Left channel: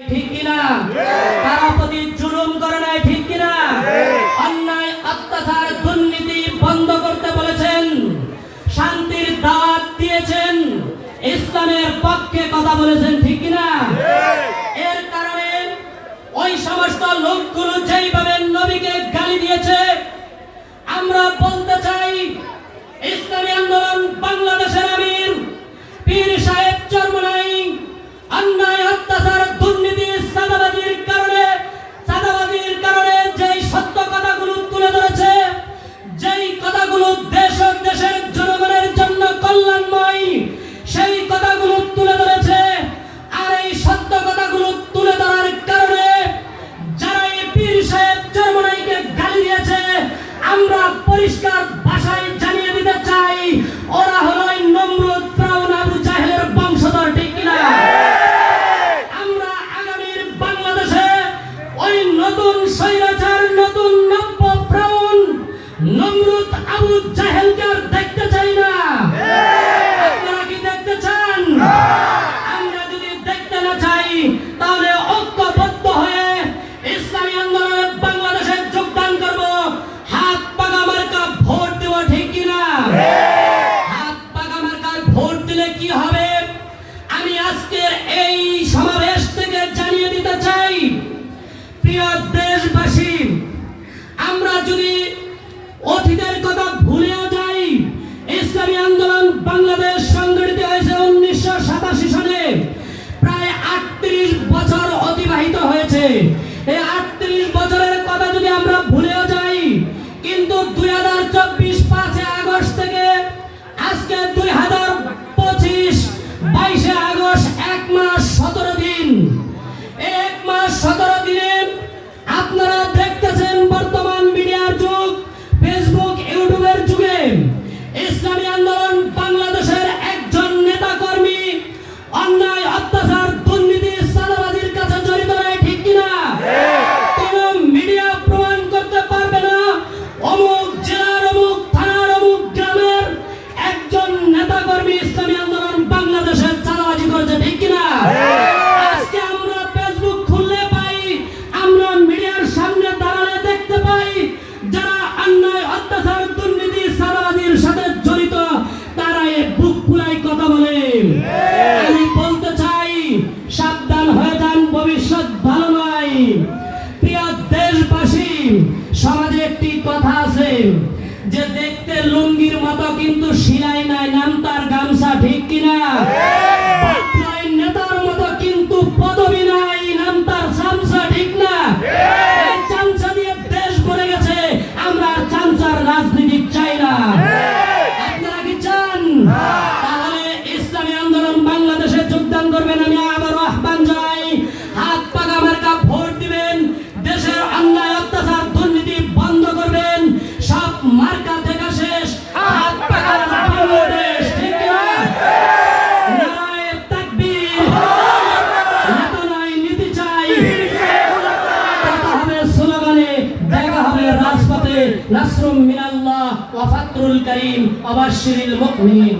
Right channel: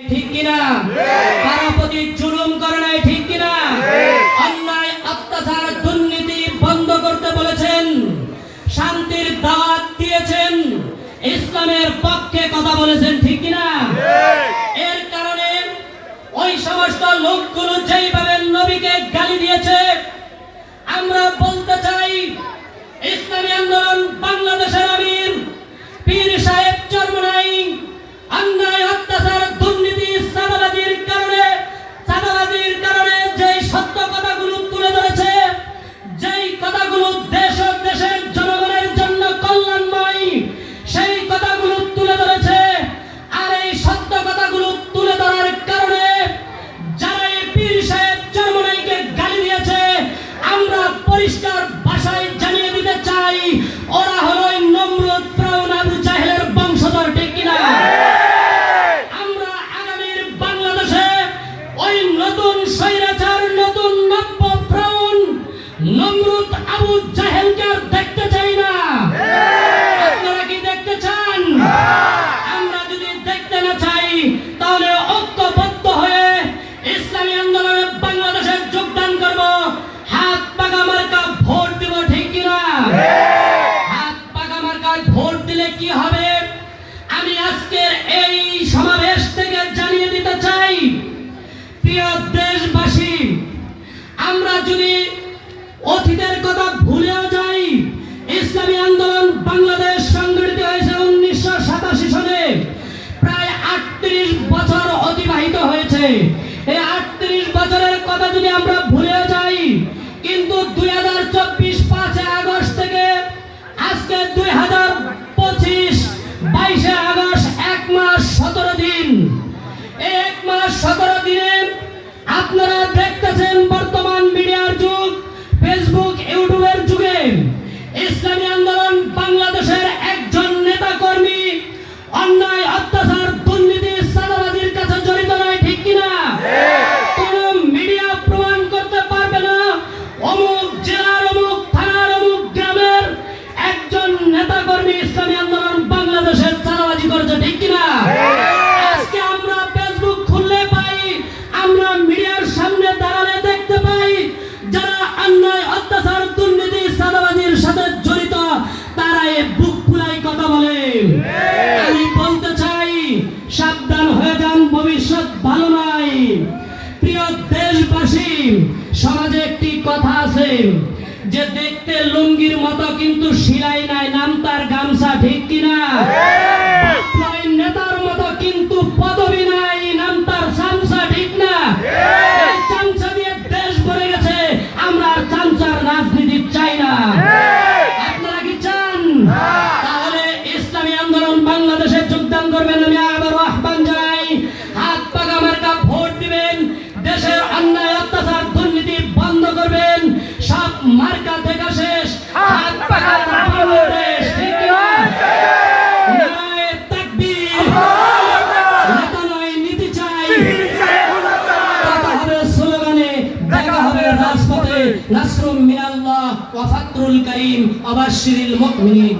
ঠিক কিনা? তারা প্রতি জুলুম করে নাই, ঠিক কিনা? অন্যায় অত্যাচার দুর্নীতি বন্ধ করতে বলেছেন, শান্তির দাওয়াত দিয়েছেন, ইসলামের পক্ষে কথা বলেছেন, ঠিক কিনা? এর কারণে ওই সমস্ত লোকগুলো যেইভাবে নবীকে গালি দিয়েছে, আমরা বলতে চাই ইসলামী আন্দোলন বাংলাদেশের আমির পীর সাহেব চরমনাই অন্যায় অত্যাচার দুর্নীতি চাঁদাবাজির কারণে যেই সত্য কথাগুলো তুলে ধরেছে, যেই কথাগুলো দেশ ও দেশের জনগণের জন্য কল্যাণময়, সেই কথাগুলো তুলে ধরেছে। আর এই সত্য কথাগুলো তুলে ধরার কারণে যারা এই পীর সাহেব চরমনাইকে গালি দিয়েছে, আমরা পরিষ্কার ভাষায় জানিয়ে দিতে চাই, ওরা হলো নমরুদ, ফিরআউন, আবু জাহেলের বংশধর, ঠিক কিনা? আমরা আগামীর বাংলাদেশে ওই নতুন স্বৈরাচার, নতুন নব্য ফিরআউন, নমরুদ, আবু জাহেলকে আর দেখতে চাই না। আপনারা কি দেখতে চান? আমরা যদি দেখতে না চাই, তাহলে ঐক্যবদ্ধ হয়ে ইসলামী আন্দোলনে বাংলাদেশে যোগদান করব, হাত পাকা মার্কা ভোট দেব, ঠিক কিনা? হাত পাকা মার্কায় ভোট দিলে কি হবে? আমি আজকের এই সমাবেশ থেকে জানিয়ে দিতে চাই, প্রিয় দেশবাসী, আমরা যদি অতীতের কথা ভুলেও যাই, ইসলামী আন্দোলন বাংলাদেশ সংগঠিত হয়েছে 1987 সনে, প্রায় 38 বছর অতিবাহিত হয়েছে। এই 38 বছরের কথা যদি আমরা ভুলেও যাই, কিন্তু 2024 5 আগস্ট থেকে আজকে 2025 22 আগস্ট 1 মাস 17 দিন, 1 মাস 17 দিনে আপনারা দেখতেছেন বর্তমান মিডিয়ার যুগ, ফেসবুক ইউটিউবের যুগে ইসলামী আন্দোলন বাংলাদেশের একজন নেতা কর্মী অন্যায় অত্যাচার দুর্নীতি চাঁদাবাজির কাছে জড়িত নয়, ঠিক কিনা? কোন মিডিয়া প্রমাণ করতে পারবে না অমুক জেলার, অমুক থানার, অমুক গ্রামের একজন নেতা কর্মী ইসলামী আন্দোলন বাংলাদেশের চাঁদাবাজি করেছে, ঠিক কিনা? আজকে আমরা ফেসবুক খুললে পাই, আমরা মিডিয়ার সামনে দাঁড়ালে দেখতে পাই, যারা অন্যায় অত্যাচার দুর্নীতি চাঁদাবাজির সাথে জড়িত, তারা এই বুক ফুলাই কথা বলে। আমি বলতে চাই, সাবধান হয়ে যান, ভবিষ্যৎ ভালো নয়। প্রিয় দেশবাসী, সমাজে একটি কথা আছে যে দেখতে লুঙ্গির মতো কিন্তু সিলাই নাই, নাম তার গামছা, ঠিক কিনা? নেতার মতো কিন্তু পদবি নাই, নাম তার চামচা, ঠিক না? এই চামচা দিয়ে দেশ ভরে গেছে, আমরা আর চামচার রাজনীতি চাই না। আপনারা কি চান? তাহলে ইসলামী আন্দোলন বাংলাদেশে যোগদান করবেন। আমি আবারও আহ্বান জানাই, হাত পাকা মার্কা ভোট দিবেন, দেশের অন্যায় অত্যাচার দুর্নীতি বন্ধ করবেন। সব মার্কা দেখা শেষ, হাত পাকা বাংলাদেশ, ঠিক কিনা? নারায়ে তাকবীর, নেতা নয় নীতি চাই। কথা হবে স্লোগানে, দেখা হবে রাজপথে। নাসরুম মিনাল্লাহ ওয়া ফাতহুল কারীম ওয়া বাশশিরিল মুমিনিন।